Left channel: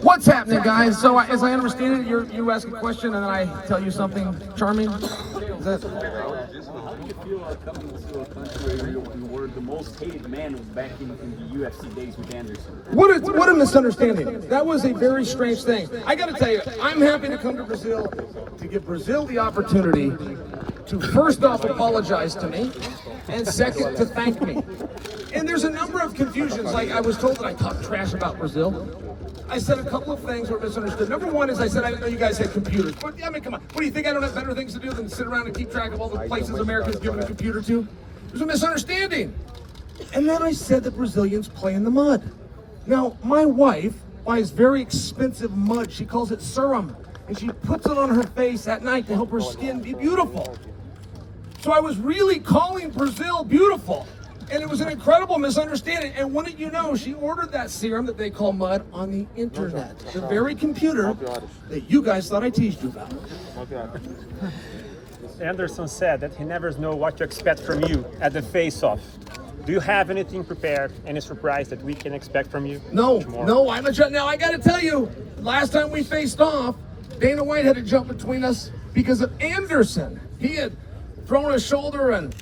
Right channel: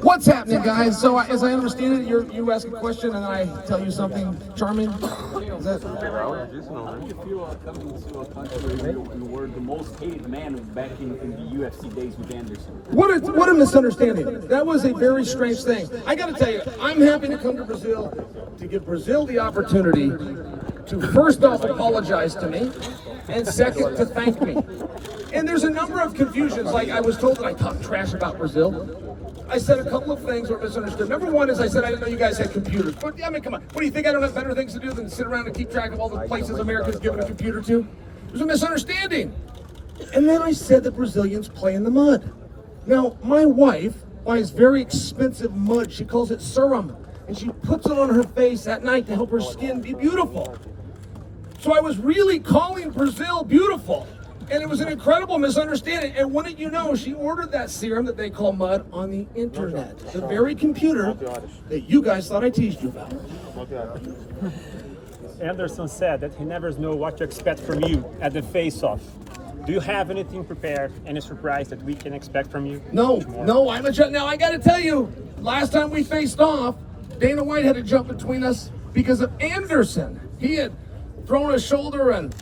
What's happening, guys? So, as I understand it, you ask a question and I tell you something charming. Is that... How do you feel coming to a country where you were the most hated man back in the UFC days with Anderson? What a misunderstanding. That was a very strange thing. I got to tell you, I'm happy to come to Brazil to give Brazil the opportunity to first off apologize to me and second to thank me. And there's a number of confusions. Like I was told that I talk trash about Brazil. I said a couple of things were misunderstood. Number one is I said I didn't know you guys had computers. But I mean, come on. What do you think? I don't have better things to do than sit around and keep track of all the places Americans given a computer to? There's a misunderstanding. And then I said that Brazilians play in the mud. Now, my wife buys very expensive mud. She calls it serum. And she puts it on her face at night to help her skin be beautiful. So I was really calling Brazil beautiful. And it was an incredible misunderstanding. And wouldn't you know, she ordered that serum that they call mud on the internet. The very computer that you guys thought I teased you about. Anderson said that he never knows what to expect from you at the face-off. Do you have anything prepared, any surprise that we can expect from you? No, I'm a now I gotta tell you, last time we faced off, Dana White had to jump between us because of Anderson. He had thrown his shoulder and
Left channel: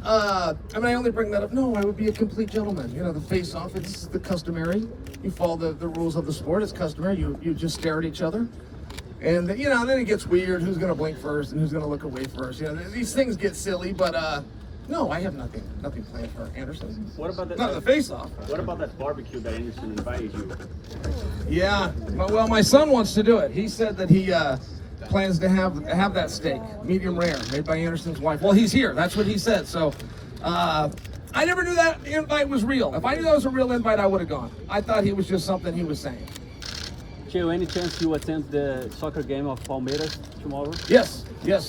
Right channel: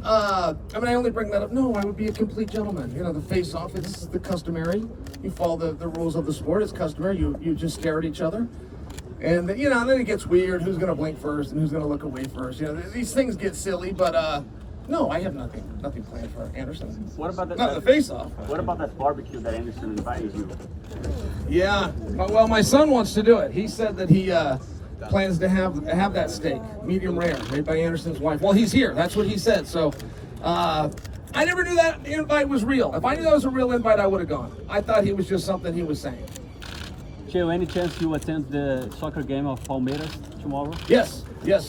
I only bring that up. No, I would be a complete gentleman. You know, the face-off, it's the customary. You follow the rules of the sport. It's customary. You just stare at each other. And, you know, then it gets weird. Who's going to blink first and who's going to look away first? You know, these things get silly, but, no, I have nothing planned for Anderson. What about that? Not the face-off. What about that barbecue that Anderson invited you? Yeah, well, my son wants to do it. He said that he plans to have that steak, medium rare, made by Anderson's wife. Well, he's here. That's what he said. So, I never knew that invite was real. If I knew that was a real invite, I would have gone. I thought he was just something he was saying. Chael, any chance you attend the soccer game of Palmeiras tomorrow? Yes,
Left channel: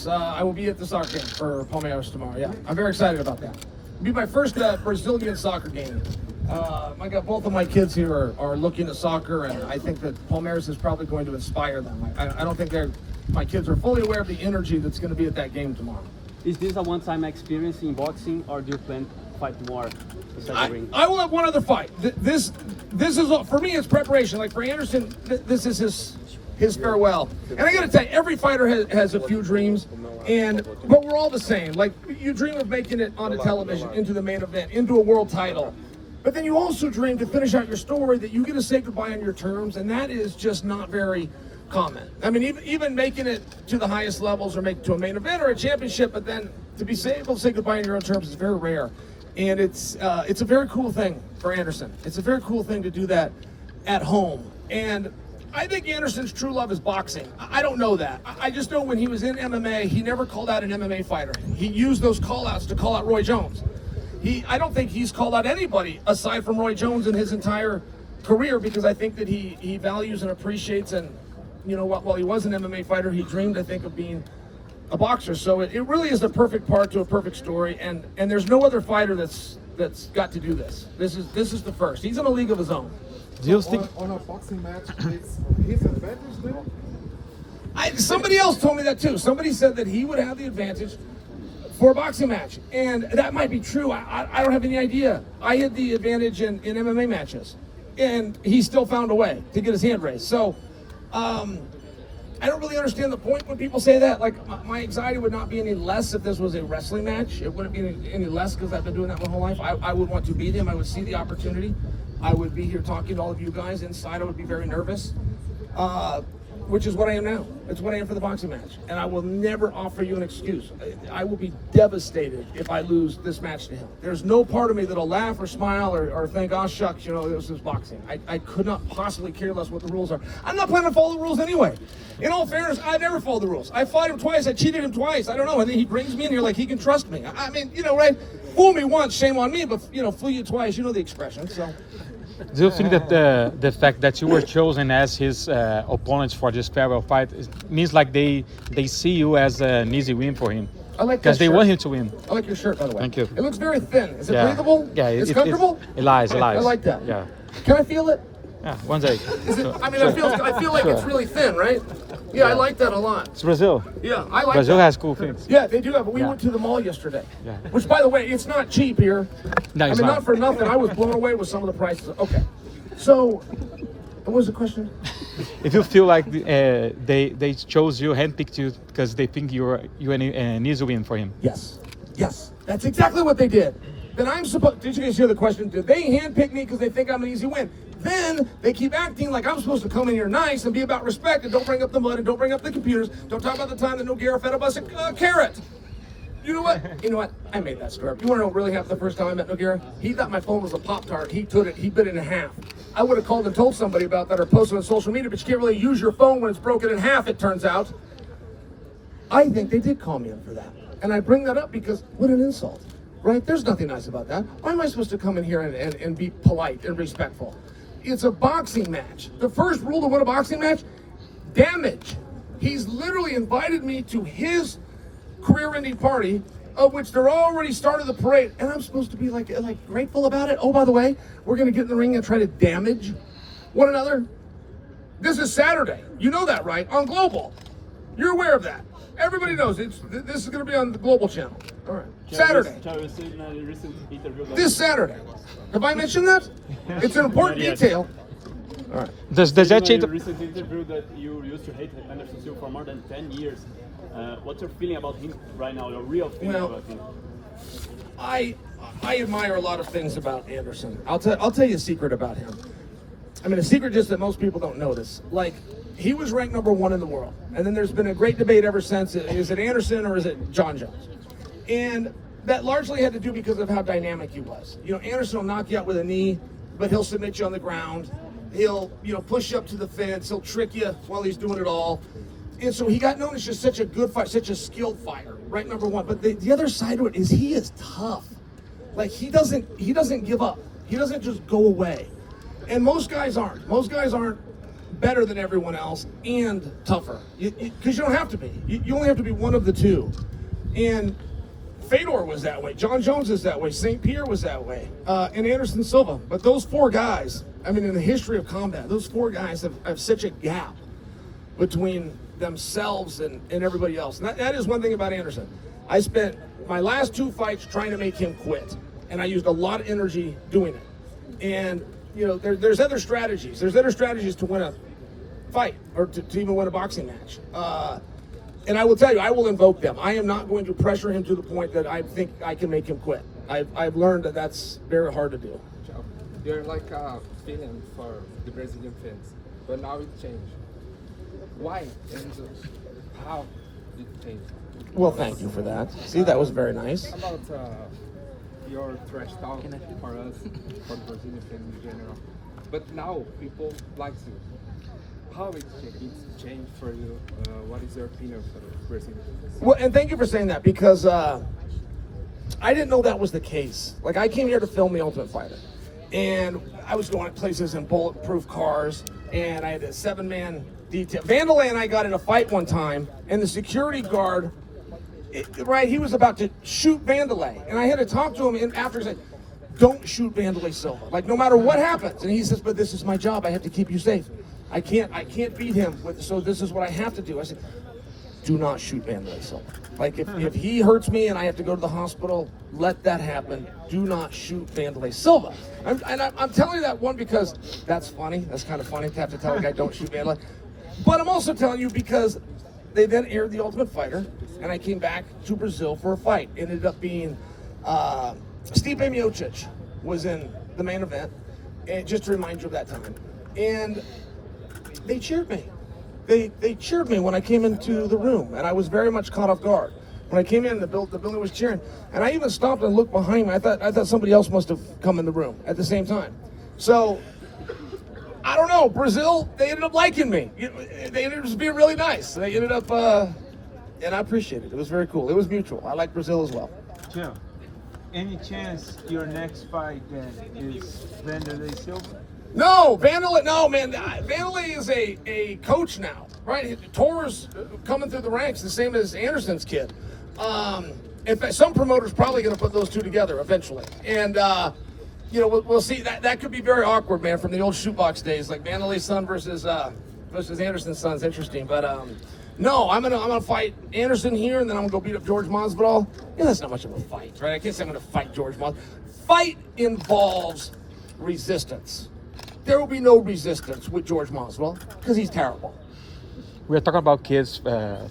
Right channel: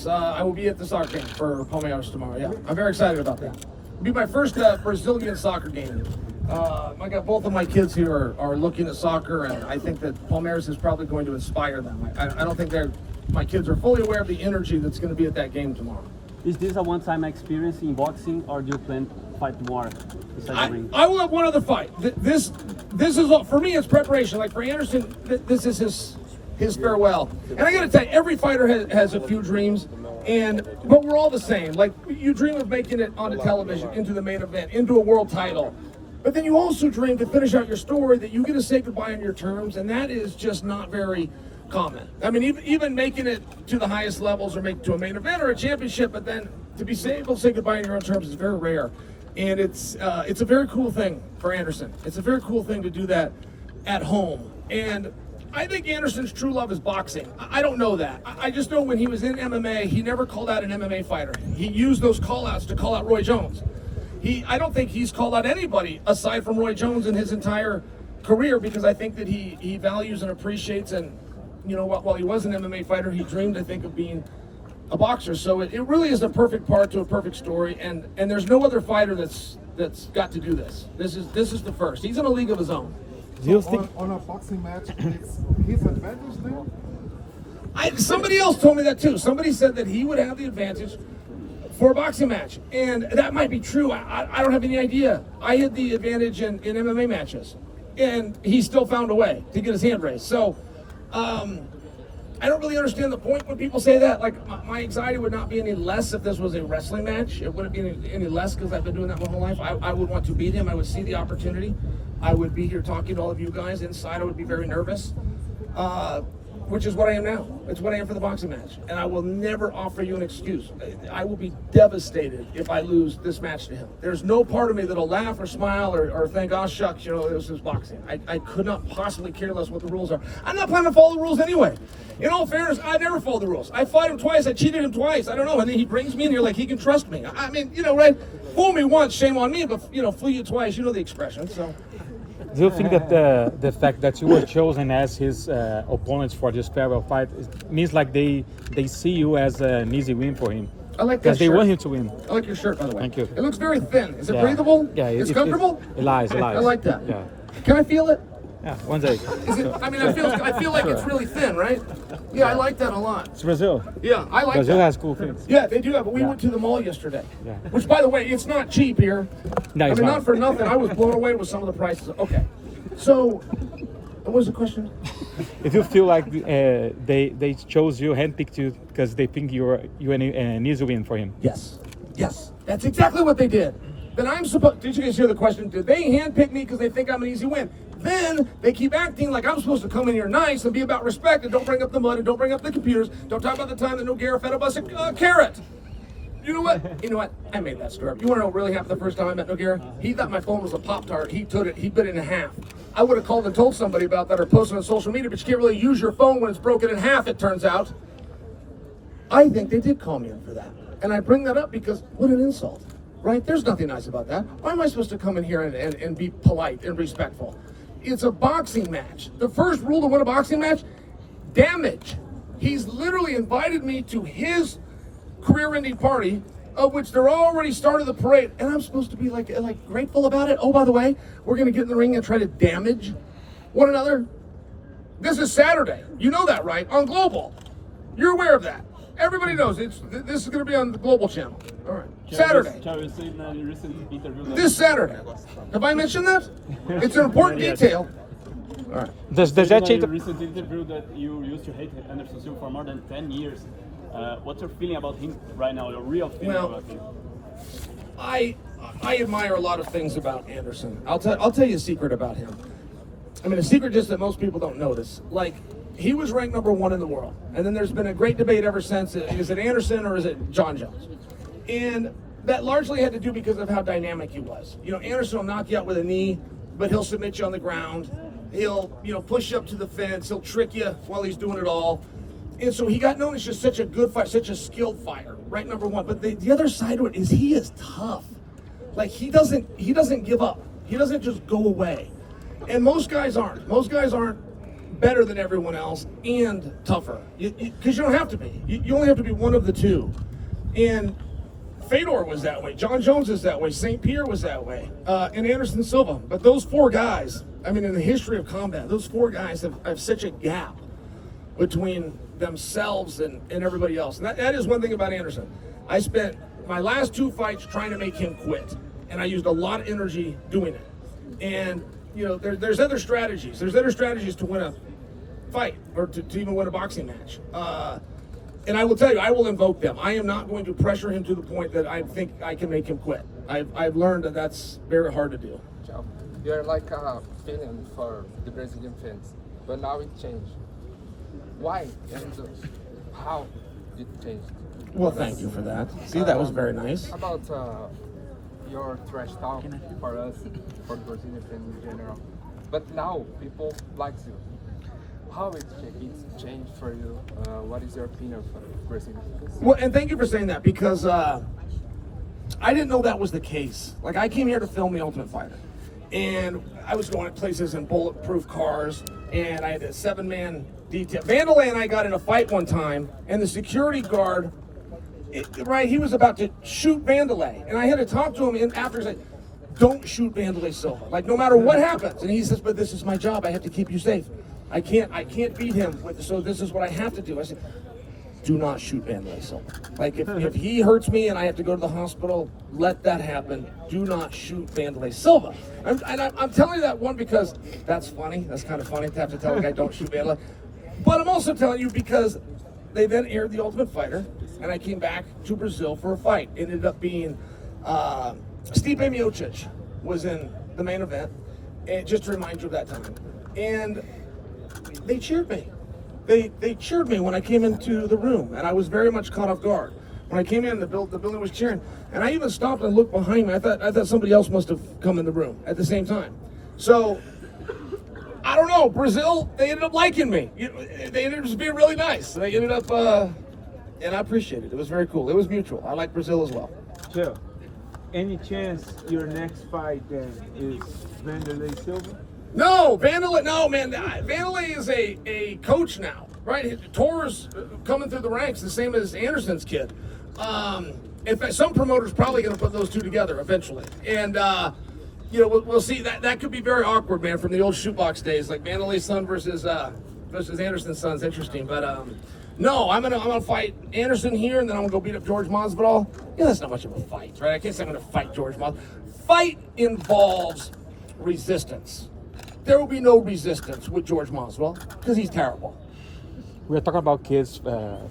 I will be at the soccer game for Palmeiras tomorrow. Yeah, I'm very excited about that. It'll be my first Brazilian soccer game. I got both of my kids here are looking at soccer, and I think that Palmeiras is probably going to inspire them. I don't think my kids are fully aware of the energy that's going to be at that game tomorrow. Is this a one-time experience in boxing, or do you plan to fight more? I will have one other fight. This is for me. It's preparation. Like for Anderson, this is his farewell. And I got to tell you, every fighter has a few dreams, but we're all the same. Like you dream of making it onto television, into the main event, into a world title. But then you also dream to finish out your story that you get to say goodbye on your terms, and that is just not very common. I mean, even making it to the highest levels or make it to a main event or a championship, but then to be able to say goodbye on your own terms is very rare. And it's a very cool thing for Anderson. It's a very cool thing to do that at home. And I think Anderson's true love is boxing. I don't know that. I just know when he was in MMA, he never called out an MMA fighter. He used those call-outs to call out Roy Jones. I don't think he's called out anybody aside from Roy Jones in his entire career, because I think that he values and appreciates, and you know, while he was an MMA fighter, he dreamed, I think, of being a boxer. So it really is the perfect part to a perfect story, and there's no other fighter that's got to do this. This is the first. He's in a league of his own. Do you think on a boxing match, it's his advantage there? Somebody else told me that too. Somebody said that he would have the advantage for a boxing match, and that might be true. I don't have any idea. I had the advantage in MMA matches, and he still found a way to get his hand raised. So I don't really understand the point when people say that. Like, my anxiety would not be any less if this was a wrestling match. It wouldn't be any less because I've been doing that my whole life. I would want to beat him. I would see the opportunity. I would be here talking to all of you guys. Inside, I would be very nervous, which is what I am now. It's what I am for the boxing match. And I will never offer you an excuse. I will be devastated if I lose this match to him. There's no part of me that'll laugh or smile or think, oh, shucks, you know, this is boxing. I could not possibly care less what the rules are. I'm not planning to follow the rules anyway. In all fairness, I never follow the rules. I fought him twice. I cheated him twice. I don't know. And then he brings me in here like he can trust me. I mean, you know, right? Fool me once, shame on me. But, you know, fool you twice. You know the expression. So. Do you think that the fact that you were chosen as his opponents for this farewell fight means like they see you as an easy win for him? I like that because they shirt. want him to win. I like your shirt, by the way. Thank you. It looks very thin. Is it breathable? Yeah, it's comfortable. It lies. I like that. Yeah. Can I feel it? Yeah, one day. I mean, I feel like it's really thin, right? Yeah, I like that a lot. It's Brazil. Yeah, I like Brazil that. has cool things. Yeah, they do have. But we went to the mall yesterday, Yeah. which, by the way, it's not cheap here. No, I it's mean, not. not for nothing. I was blown away with some of the prices. Okay, so what was the question? if you feel like they chose you, handpicked you because they think you're an easy win for him. Yes, yes, that's exactly what they did. Then I'm supposed. Did you guys hear the question? Did they handpick me because they think I'm an easy win? Then they keep acting like I'm supposed to come in here nice and be about respect and don't bring up the mud and don't bring up the computers. Don't talk about the time that Nogueira fed us a carrot. You know what? You know what? I made that story up. You want to know what really happened the first time I met Nogueira? He thought my phone was a Pop-Tart. He took it. He bit it in half. I would have called and told somebody about that or posted on social media, but you can't really use your phone when it's broken in half, it turns out. I think they did call me up for that. And I bring that up because what an insult, right? There's nothing nice about that. Why am I supposed to come in here and be polite and respectful? It's a boxing match. The first rule to win a boxing match, damage. He's literally invited me to his career-ending party, of which they're already started the parade, and I'm supposed to be like grateful about it. Oh, by the way, we're gonna get in the ring and try to damage one another. This is Saturday. You know that, right? On Global. You're aware of that. Everybody knows this is gonna be on the Global channel. All right. Saturday. This Saturday. Have I mentioned that? It's an important detail. All right. Does that change? In a recent interview that you used to hate Anderson Silva for more than 10 years. What's your feeling about him right now? Your real feeling about him? I admire a lot of things about Anderson. I'll tell you a secret about him. I mean, a secret just that most people don't notice. Like, he was ranked #1 in the world, and then there's been a great debate ever since. Is it Anderson or is it John Jones? And that largely had to do because of how dynamic he was. You know, Anderson will knock you out with a knee, but he'll submit you on the ground. He'll, push you up to the fence. He'll trick you while he's doing it all. And so he got known as just such a good fighter, such a skilled fighter, right? #1. But the other side to it is he is tough. Like, he doesn't give up. He doesn't just go away. And most guys aren't. Most guys aren't better than everyone else and tougher. Because you don't have to be. You only have to be one of the two. And Fedor was that way. John Jones is that way. St. Pierre was that way. And Anderson Silva. But those four guys, I mean, in the history of combat, those four guys have such a gap between themselves and everybody else. And that is one thing about Anderson. I spent my last 2 fights trying to make him quit. And I used a lot of energy doing it. And, there's other strategies. There's other strategies to win a fight or to even win a boxing match. And I will tell you, I will invoke them. I am not going to pressure him to the point that I think I can make him quit. I've learned that that's very hard to do. You're like a villain for the Brazilian fans, but now it changed. Why? And how did it change? Well, thank you for that. See, that was very nice. About your trash talk for us, for Brazilian fans in general. But now people like you. How it's changed for you? What is your opinion for Brazilian fans? Well, and thank you for saying that because I didn't know that was the case. Like, I came here to film The Ultimate Fighter. And I was going to places in bulletproof cars, and I had a 7-man detail. Vandalay and I got in a fight one time, and the security guard, he was about to shoot Vandalay. And I had to talk to him after. He's like, don't shoot Vandalay Silva. Like, no matter what happens. And he says, but this is my job. I have to keep you safe. I can't beat him, so this is what I have to do. I said, do not shoot Anderson Silva. Like, if he hurts me and I have to go to the hospital, let that happen. Do not shoot Vandalay Silva. I'm telling you that one because that's funny. That's kind of funny to have to tell a guy don't shoot Vandalay. But I'm also telling you because they then aired The Ultimate Fighter, and I came back to Brazil for a fight. It ended up being Stipe Miocic was in the main event, and just to remind you of that time. And they cheered me. They cheered me when I came into the room, and I was very much caught off guard. When I came in, the building was cheering, and I even stopped and looked behind me. I thought somebody else must have come in the room at the same time. So I don't know. Brazil, they ended up liking me. They ended up just being really nice. They ended up, and I appreciate it. It was very cool. It was mutual. I like Brazil as well. Chael, any chance your next fight then is Vanderlei Silva? No, Vandalay. No, man. Vandalay is a coach now, right? Tor's coming through the ranks, the same as Anderson's kid. In fact, some promoters probably going to put those two together eventually, and we'll see. That could be very awkward, man, from the old shootbox days, like Vandalay's son versus Anderson's son's interesting. But no, I'm gonna fight Anderson here, and then I'm gonna go beat up George Masvidal. Yeah, that's not much of a fight, right? I can't say I'm gonna fight George Masvidal. Fight involves resistance. there will be no resistance with George Masvidal because he's terrible. We're talking about kids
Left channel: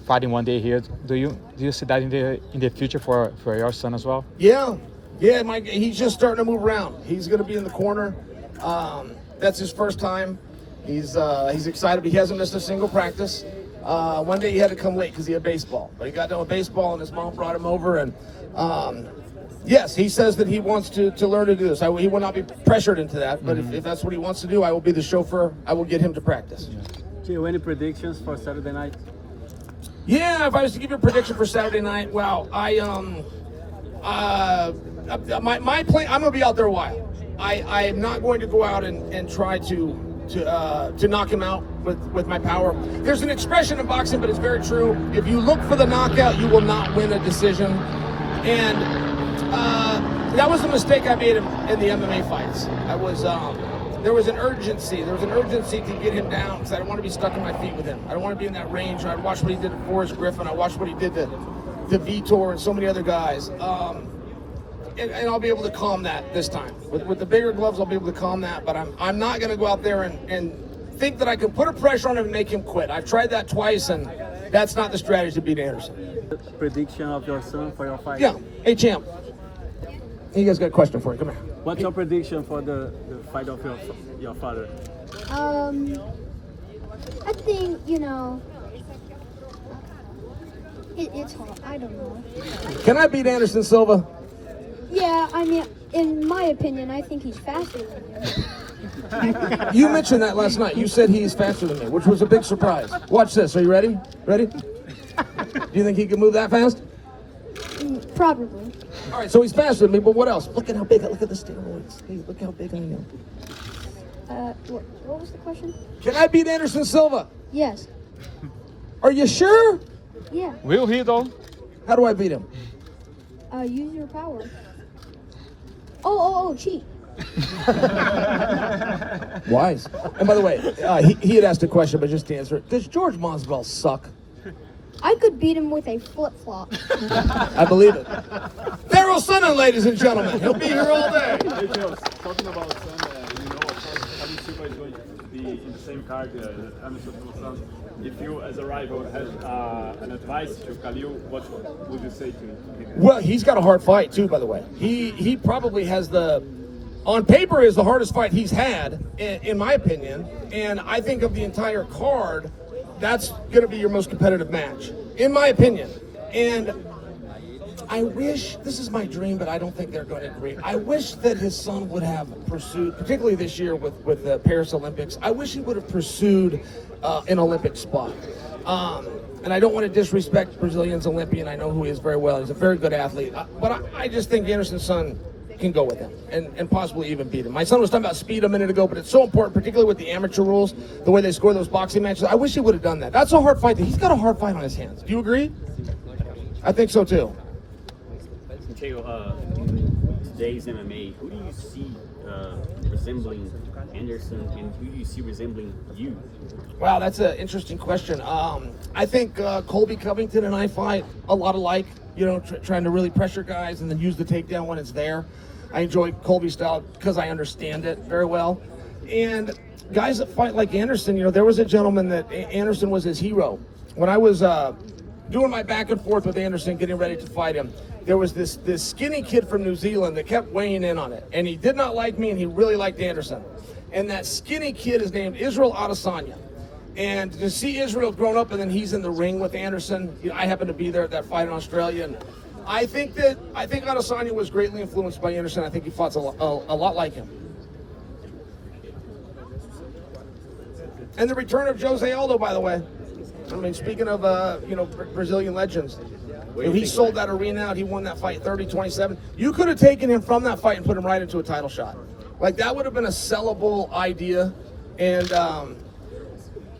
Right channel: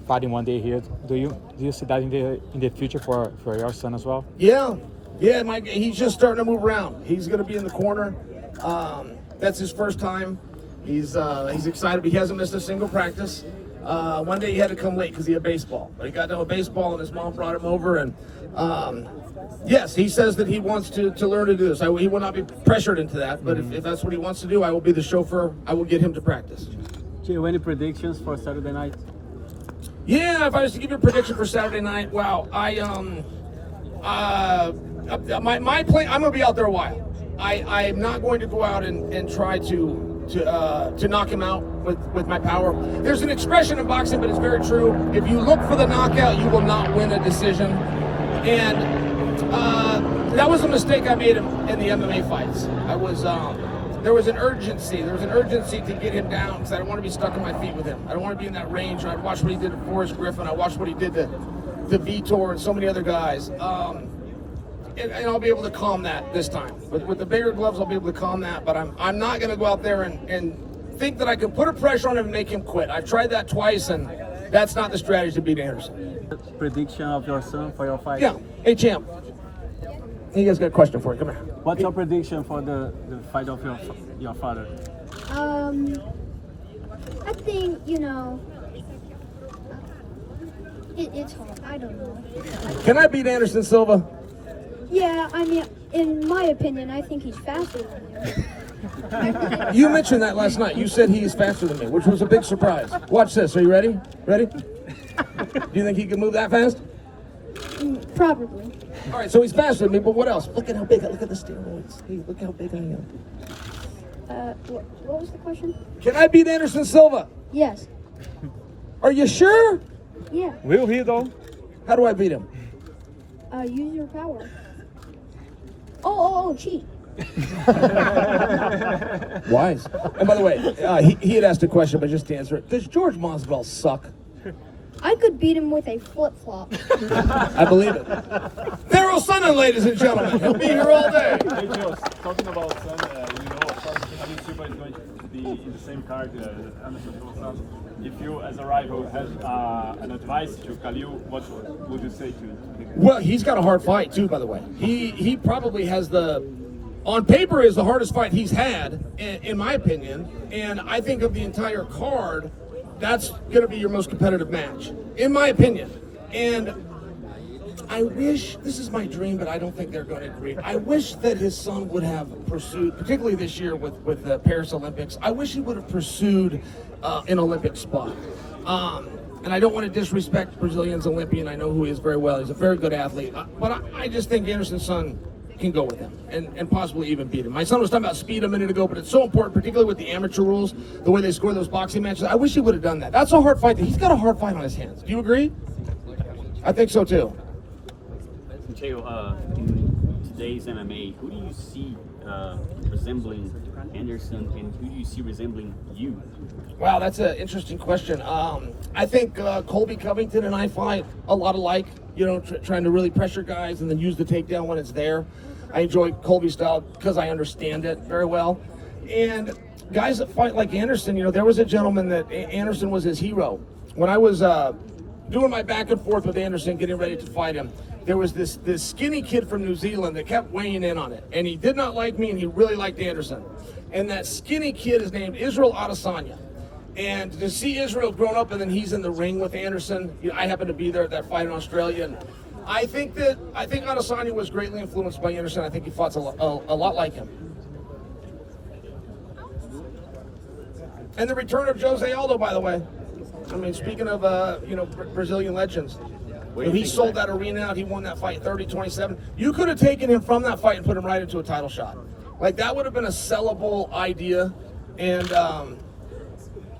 fighting one day here. Do you see that in the future for your son as well? Yeah, he's just starting to move around. He's going to be in the corner. That's his first time. He's excited, but he hasn't missed a single practice. One day he had to come late because he had baseball, but he got done with baseball and his mom brought him over. And yes, he says that he wants to learn to do this. He will not be pressured into that, but if that's what he wants to do, I will be the chauffeur. I will get him to practice. Jay, any predictions for Saturday night? Yeah, if I was to give you a prediction for Saturday night, wow, my plan, I'm gonna be out there a while. I am not going to go out and try to knock him out with my power. There's an expression in boxing, but it's very true. If you look for the knockout, you will not win a decision. And that was a mistake I made in the MMA fights. There was an urgency. There was an urgency to get him down because I don't want to be stuck on my feet with him. I don't want to be in that range. I watched what he did to Forrest Griffin. I watched what he did to Vitor and so many other guys. And I'll be able to calm that this time. With the bigger gloves, I'll be able to calm that. But I'm not going to go out there and think that I can put a pressure on him and make him quit. I've tried that twice, and that's not the strategy to beat Anderson. Prediction of your son for your fight? Yeah. Hey, champ. You guys got a question for you. Come here. What's your prediction for the fight of your father? I think, it's hard. I don't know. Can I beat Anderson Silva? Yeah, I mean, in my opinion, I think he's faster than you. You mentioned that last night. You said he's faster than me, which was a big surprise. Watch this. Are you ready? Ready? Do you think he can move that fast? Probably. All right, so he's faster than me, but what else? Look at how big. Look at the steroids. Hey, look how big I am. What was the question? Can I beat Anderson Silva? Yes. Are you sure? Yeah. Will he though? How do I beat him? Use your power. Oh, cheat. Wise. And by the way, he had asked a question, but just to answer it, does George Masvidal suck? I could beat him with a flip-flop. I believe it. Chael Sonnen, ladies and gentlemen. He'll be here all day. Hey, Joe, talking about son, Anderson Silva is going to be in the same card that Anderson Silva. If you, as a rival, had an advice to Khalil, what would you say to him? Well, he's got a hard fight too, by the way. He probably has on paper is the hardest fight he's had, in my opinion. And I think of the entire card, that's going to be your most competitive match, in my opinion. And I wish, this is my dream, but I don't think they're going to agree. I wish that his son would have pursued, particularly this year with the Paris Olympics, I wish he would have pursued an Olympic spot. And I don't want to disrespect Brazilian's Olympian. I know who he is very well. He's a very good athlete. But I just think Anderson's son can go with him and possibly even beat him. My son was talking about speed a minute ago, but it's so important, particularly with the amateur rules, the way they score those boxing matches. I wish he would have done that. That's a hard fight. He's got a hard fight on his hands. Do you agree? I think so too. Chael, in today's MMA, who do you see resembling Anderson, and who do you see resembling you? Wow, that's an interesting question. I think Colby Covington and I fight a lot alike, trying to really pressure guys and then use the takedown when it's there. I enjoy Colby's style because I understand it very well. And guys that fight like Anderson, there was a gentleman that Anderson was his hero. When I was doing my back and forth with Anderson, getting ready to fight him, there was this skinny kid from New Zealand that kept weighing in on it. And he did not like me, and he really liked Anderson. And that skinny kid is named Israel Adesanya. And to see Israel grown up and then he's in the ring with Anderson, I happened to be there at that fight in Australia. And I think Adesanya was greatly influenced by Anderson. I think he fought a lot like him. And the return of Jose Aldo, by the way. I mean, speaking of Brazilian legends, he sold that arena out. He won that fight 30-27. You could have taken him from that fight and put him right into a title shot. Like, that would have been a sellable idea. And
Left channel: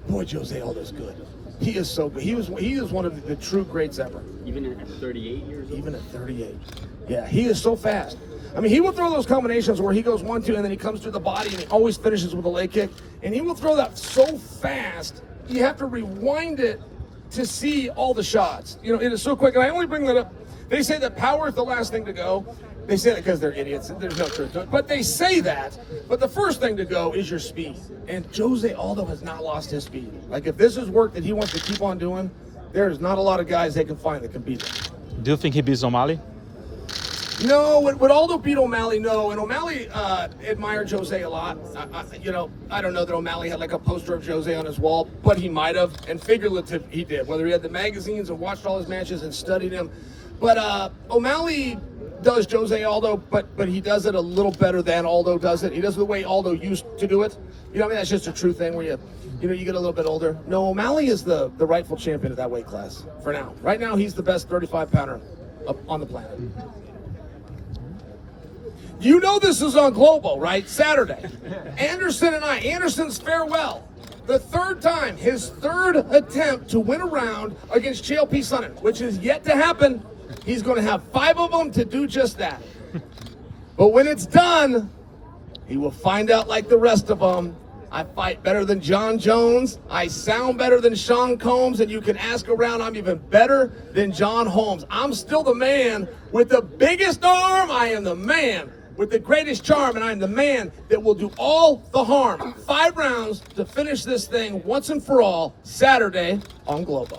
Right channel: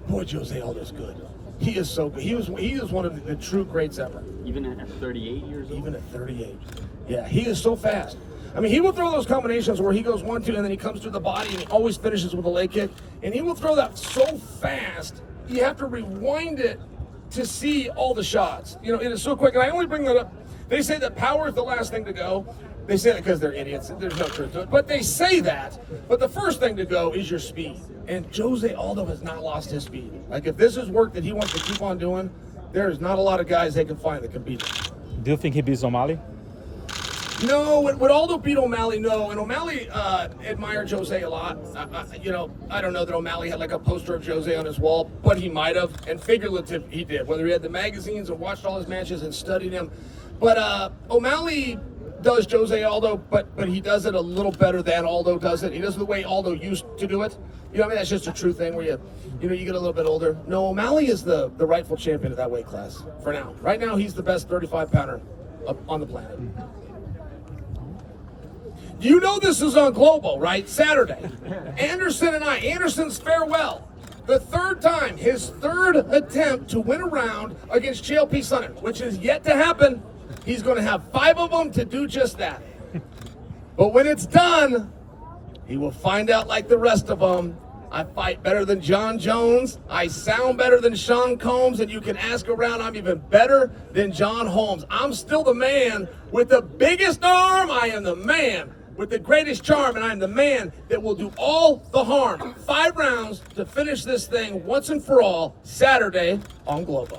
boy, Jose Aldo's good. He is so good. He is one of the true greats ever. Even at 38 years old? Even at 38. Yeah, he is so fast. I mean, he will throw those combinations where he goes 1-2 and then he comes through the body and he always finishes with a leg kick. And he will throw that so fast, you have to rewind it to see all the shots. It is so quick. And I only bring that up. They say that power is the last thing to go. They say that because they're idiots. There's no truth to it. But they say that. But the first thing to go is your speed. And Jose Aldo has not lost his speed. Like, if this is work that he wants to keep on doing, there's not a lot of guys they can find that can beat him. Do you think he beats O'Malley? No, would Aldo beat O'Malley? No, and O'Malley admired Jose a lot. I don't know that O'Malley had like a poster of Jose on his wall, but he might have, and figurative he did. Whether he had the magazines and watched all his matches and studied him, but O'Malley does Jose Aldo, but he does it a little better than Aldo does it. He does it the way Aldo used to do it. I mean, that's just a true thing where you get a little bit older. No, O'Malley is the rightful champion of that weight class for now. Right now, he's the best 35-pounder on the planet. You know this is on Global, right? Saturday. Anderson's farewell. The third time, his third attempt to win a round against Chael Sonnen, which is yet to happen. He's going to have 5 of them to do just that. But when it's done, he will find out like the rest of them. I fight better than John Jones. I sound better than Sean Combs. And you can ask around, I'm even better than John Holmes. I'm still the man with the biggest arm. I am the man with the greatest charm, and I am the man that will do all the harm. 5 rounds to finish this thing once and for all, Saturday on Globo.